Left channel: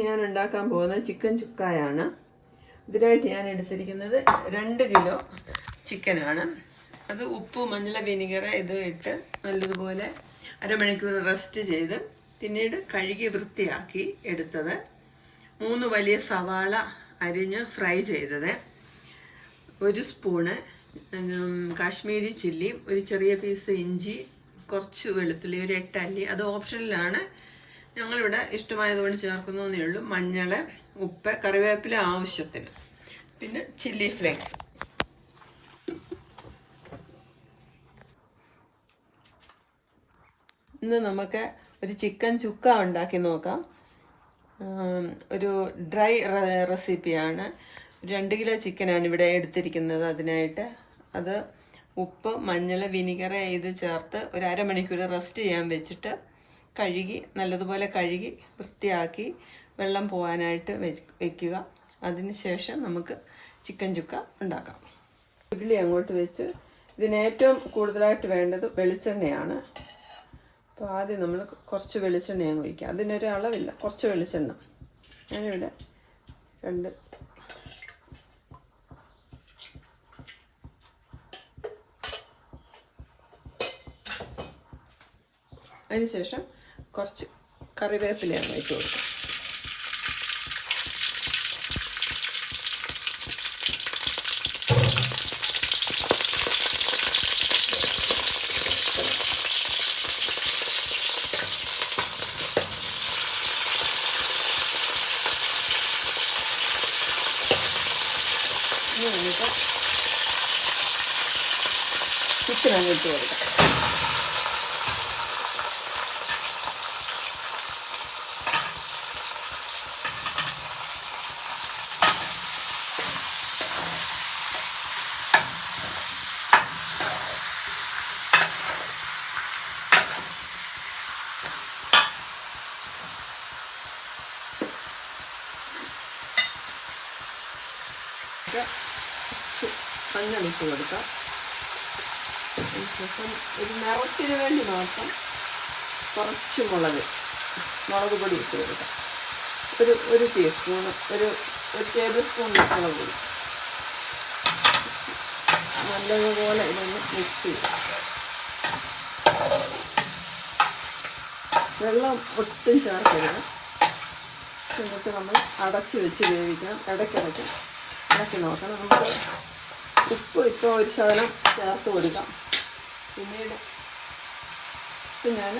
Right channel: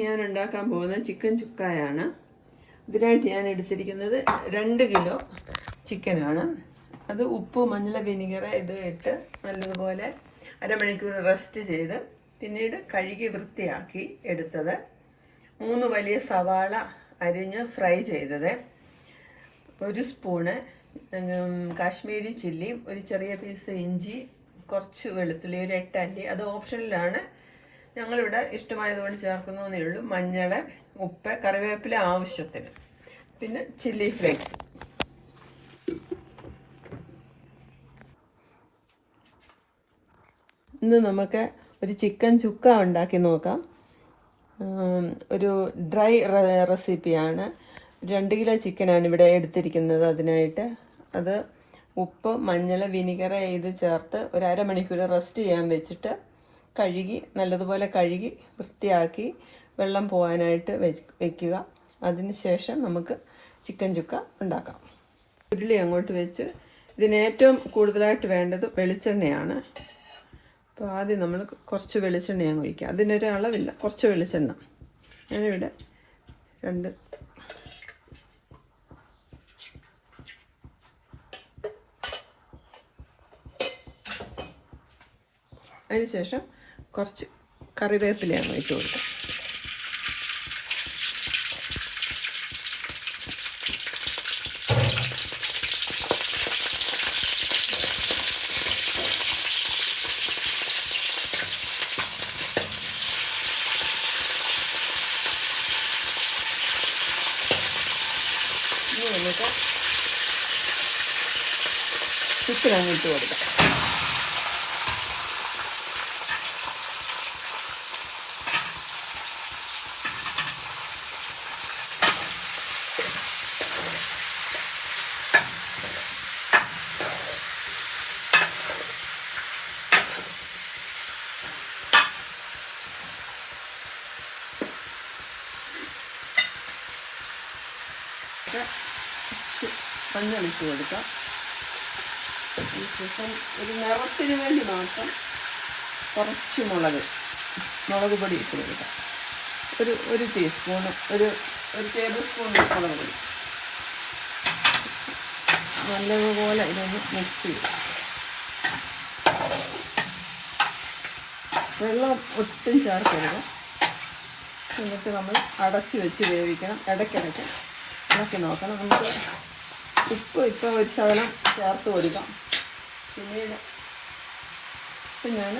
ഞാൻ ഉണ്ടാക്കാൻ പോകുന്നത് ചിക്കൻ ചുക്കായാണ്. ഇതിനായിട്ട് ഞാൻ എടുത്തിരിക്കുന്നത് 2 കിലോ ചിക്കനാണ്. അത് ഉപ്പ്, മഞ്ഞൾ, വിനിഗർ ഇത് ഇട്ട് നല്ലതുപോലെ അരമണിക്കൂർ റെസ്റ്റ് ചെയ്ത് പിന്നീട് കഴുകി വൃത്തിയാക്കി എടുത്തത്. 3 വലിയ സവാള അരിഞ്ഞ് ഫ്രൈ ചെയ്തത്, 1 സ്പൂണ് കാശ്മീരി ചില്ലി, ഒരു ചെറിയ പീസ് ഇഞ്ചി, കുറച്ച് വെളുത്തുള്ളി, ഒരു 8 അല്ലി. അത് ഓപ്ഷനിലാണ്, ഞങ്ങളിവിടെ ഇഷ്ടമായതുകൊണ്ട് ചേർക്കുന്നതേ ഉള്ളൂ. മഞ്ഞൾ, ഉപ്പ്, കറിവേപ്പില ആവശ്യത്തിന്, പിന്നെ ചില്ലി ഫ്ലേക്സ്. ഇന്ന് നമുക്ക് ഒരു ചിക്കൻ ചുക്ക ഉണ്ടാക്കി നോക്കാം. ഒരു ഡ്രൈ റെസിപ്പിയാണ്. 2 കിലോ ചിക്കനാണ് ഇവിടെ എടുത്തിരിക്കുന്നത്. അതിനായിട്ട് അത് ഉപ്പ്, മഞ്ഞൾ, വിനിഗർ ഇത് ചേർത്ത് ഒരു അരമണിക്കൂർ റെസ്റ്റ് ചെയ്യാൻ വെച്ചിട്ട് കഴുകി നല്ലതുപോലെ കഴുകി വൃത്തിയാക്കി വെള്ളം പോകാനായിട്ട് വെക്കുക. അതിന് ശേഷം നമുക്ക് ചിക്കൻ ചുക്ക ഉണ്ടാക്കാം. ഉരുളി അങ്ങോട്ട് വെച്ച് ഇതിന് ഏറ്റവും കൂടുതലായിട്ട് വേണ്ടത് വെളിച്ചെണ്ണയാണ്. അപ്പോൾ ആദ്യം നമ്മൾ കുറച്ച് വെളിച്ചെണ്ണ അങ്ങ് ഒഴിക്കുക. അതിനൊരു അളവില്ല, കുറച്ച് വെളിച്ചെണ്ണ. ഞാനിവിടെ 2 അതിനുശേഷം കുറച്ച് കറിവേപ്പിലയാണ് ഇട്ട് കൊടുക്കുക. എന്നിട്ട് ചിക്കൻ ഇട്ട് കൊടുക്കുക. മഞ്ഞളിട്ട് കൊടുക്കാം. അതിനുശേഷം ഒരു നിറത്തിന് വേണ്ടി മാത്രം കുറച്ച് മുളക് പൊടി ഇട്ട് കൊടുക്കാം. ഒരു ടീസ്പൂൺ, ഒരു ടേബിൾ സ്പൂൺ മുളക് പൊടി. നല്ലതുപോലെ ഇതൊന്ന് മിക്സ് ചെയ്യും. വെള്ളം ഒട്ടും ചേർക്കരുത്. എന്നിട്ട് നമ്മൾ അടച്ച് വെച്ച് വേവിക്കണം. ഇടയ്ക്കിടയ്ക്ക് ഇളക്കി നോക്കണം. നമുക്ക് ഉപ്പ് ഇപ്പോൾ ഒരു ശകലം ചേർത്ത് കൊടുക്കാം. പിന്നീട് ഞാൻ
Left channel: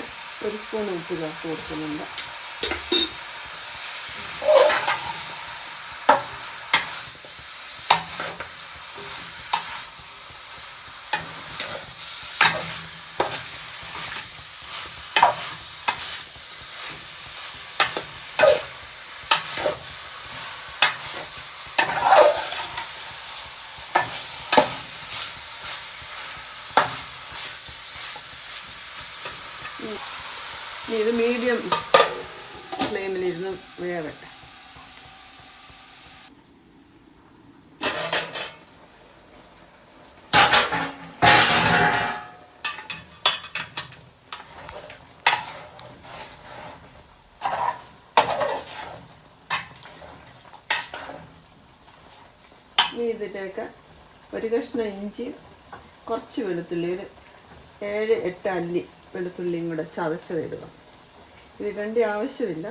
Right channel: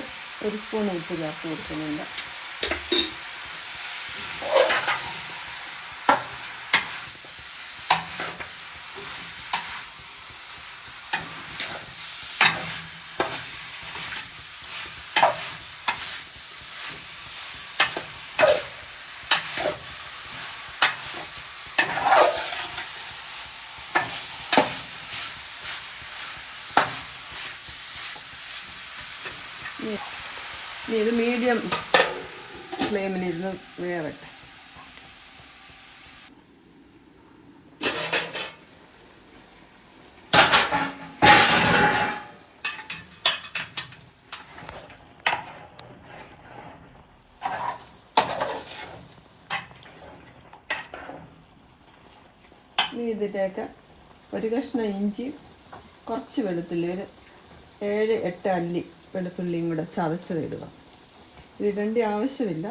1 സ്പൂൺ ഉപ്പ് ചേർത്ത് കൊടുക്കുന്നുണ്ട്. ഇത് മീഡിയം ഫ്ലെയിമിലിരുന്ന് വേവട്ടെ. ഇതിലേക്ക് 1 കഷ്ണം ഇഞ്ചി, കുറച്ച് വെളുത്തുള്ളി, ഒരു 7-8 അല്ലി വെളുത്തുള്ളിയും കൂടെ ചതച്ചതിടുക. ഇത് ഇടേണ്ട ആവശ്യമില്ല,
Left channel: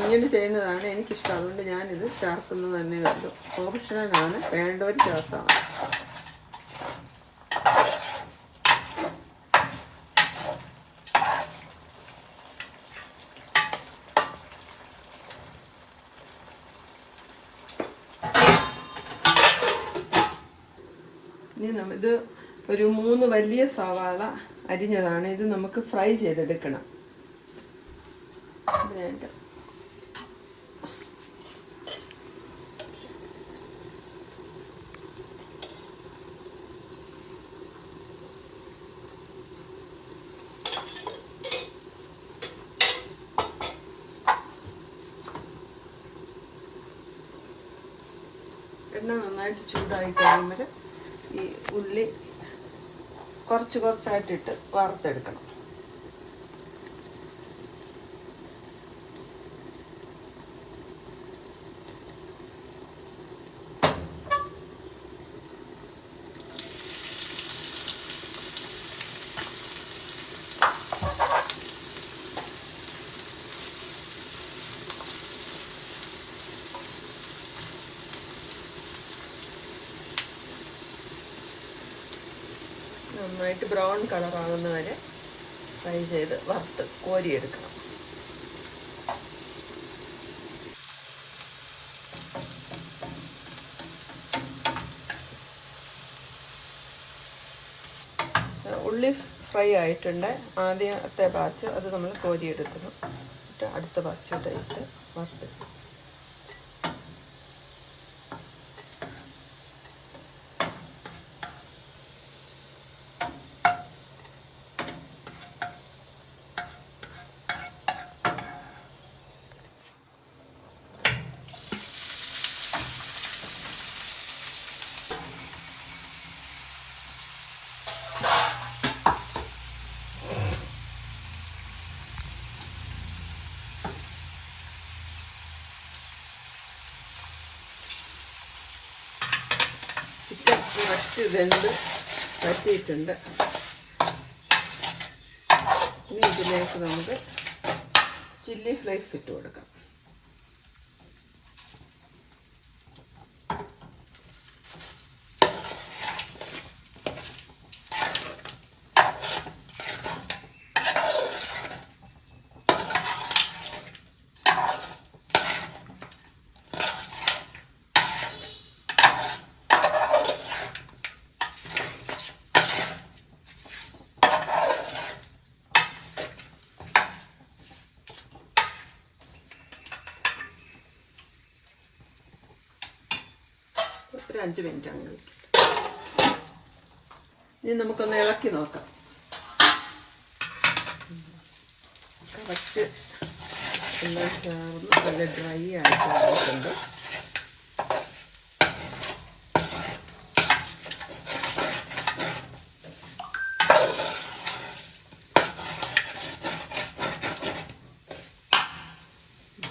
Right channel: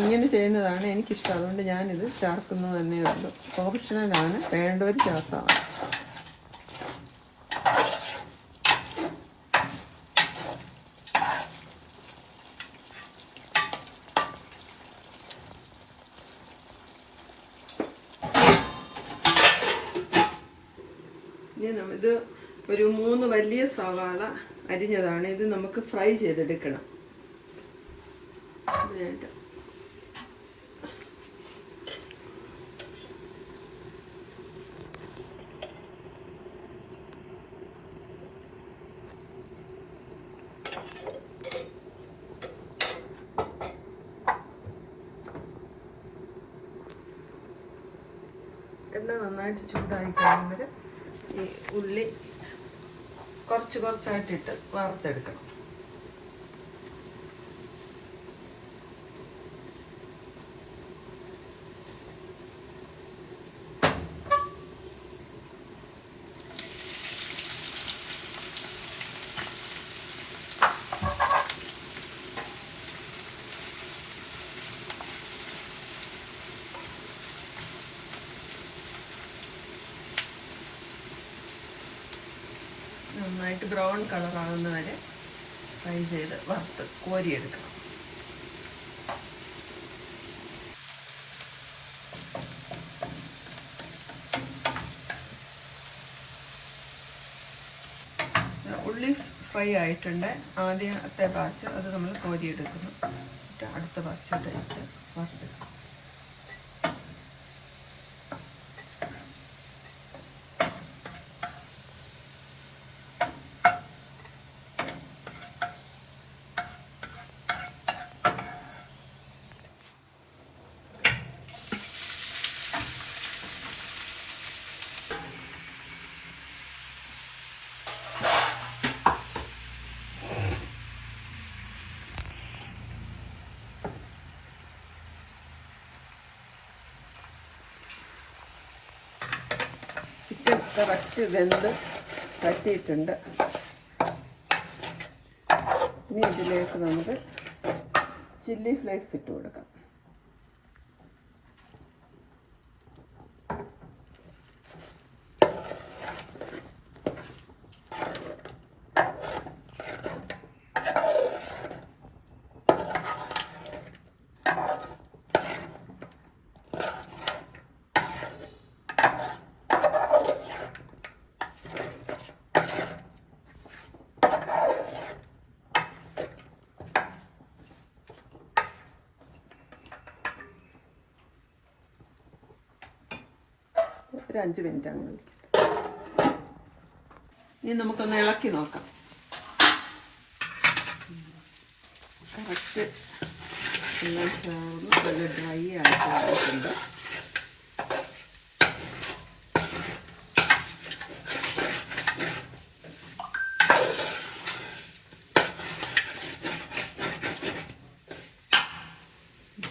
ഇങ്ങനെ ചെയ്യുന്നതാണ് എനിക്കിഷ്ടം. അതുകൊണ്ട് ഞാനിത് ചേർക്കുന്നത് തന്നെ ഉള്ളൂ. ഓപ്ഷണലാണ്, വേണ്ടവർ ചേർത്താണ്. ഇനി ഇത് ഒരു 3 വലിയ സവാള അരിഞ്ഞതാണ്. ഇത് നമുക്ക് ഫ്രൈ ചെയ്തെടുക്കണം. ഇതിനായിട്ട് എണ്ണ നന്നായിട്ട് ചൂടായി കഴിയുമ്പോൾ ഈ ഉള്ളി കുറച്ചായിട്ടിട്ട് വറുത്തെടുക്കണം. നന്നായിട്ട് ബ്രൗൺ കളറാകുന്ന വരെ ഫ്രൈ ചെയ്ത് വറുത്ത് കോരിയെടുക്കണം. ഉള്ളി ഫ്രൈ ആയിട്ടുണ്ട്. ആദ്യത്തെ ബാച്ച് അത് നമ്മൾ കോരിയെടുക്കണം. അടുത്ത ബാച്ച് ഇട്ട് വറുത്ത് ചിക്കൻ കറക്റ്റ് വെന്ത് വറ്റിയിട്ടുണ്ട്. ഇനി ഇതിലേക്ക് നമുക്ക് ചില്ലി ഫ്ലേക്സ് ഇട്ട് കൊടുക്കാം. ഒരു 5 മിനിറ്റ് അങ്ങനെ. ഇനി നമുക്കൊന്ന് ഇളക്കി നോക്കാം. കറക്റ്റ് എല്ലാം ചേർന്ന് നല്ല ഡ്രൈ ആയിട്ട് വന്നിട്ടുണ്ട്.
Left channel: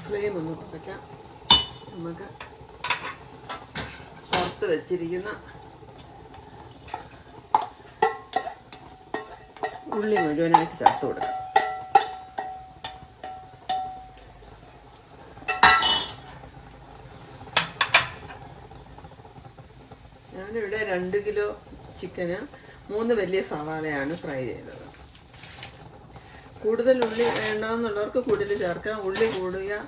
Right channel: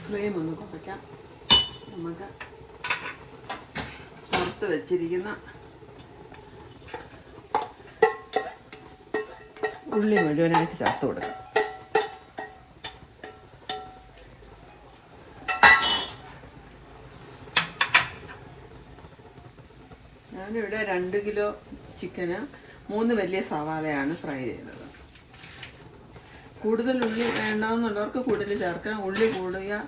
ഫ്ലെയിം ഒന്ന് കുറയ്ക്കാം. നമുക്ക് പുറത്ത് വെച്ചിരിക്കുന്ന ഉള്ളി മുഴുവനായിട്ട് ചേർത്ത് കൊടുക്കാം. ഞാനിവിടെ 2 കിലോ ചിക്കന് 3 വലിയ സവാളയാണ് ഫ്രൈ ചെയ്തത്. കൂടുതൽ ഉള്ളി വേണമെന്നുള്ളവർക്ക് കൂടുതൽ ചേർക്കാം. ഉള്ളി കൂടിയ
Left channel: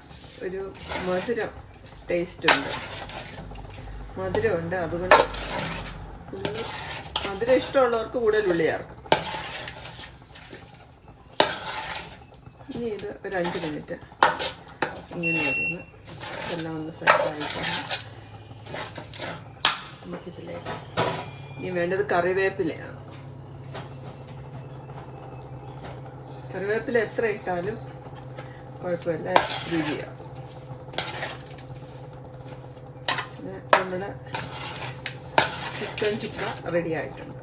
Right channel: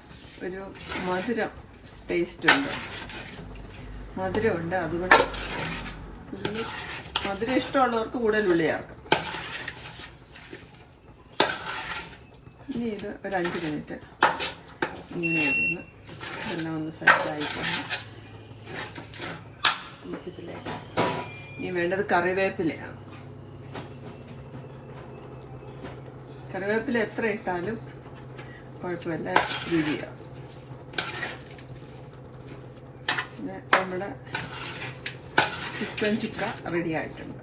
ഒരു മധുരം ടേസ്റ്റ് ഉണ്ട്, മധുരമുണ്ട്. അതുകൊണ്ട് മധുരം ഇഷ്ടമുള്ളവർക്ക് കൂടുതൽ ഉള്ളി ചേർക്കാം. ഇനി ഇത് ഒരു 5 മിനിറ്റ് ഇങ്ങനെ വരുന്നു. ഇതെല്ലാം ഒന്ന് സെറ്റായിട്ടാണ് നമുക്കിതിലേക്ക് ഇനി വേണ്ടത് കറിവേപ്പിലയാണ്. കറിവേപ്പില എത്ര ഇട്ടാലും കുഴപ്പമില്ല, രുചിയാണ്. പിന്നെ നമ്മുടെ ചിക്കൻ ചുക്ക റെഡി ആയിട്ടുണ്ട്.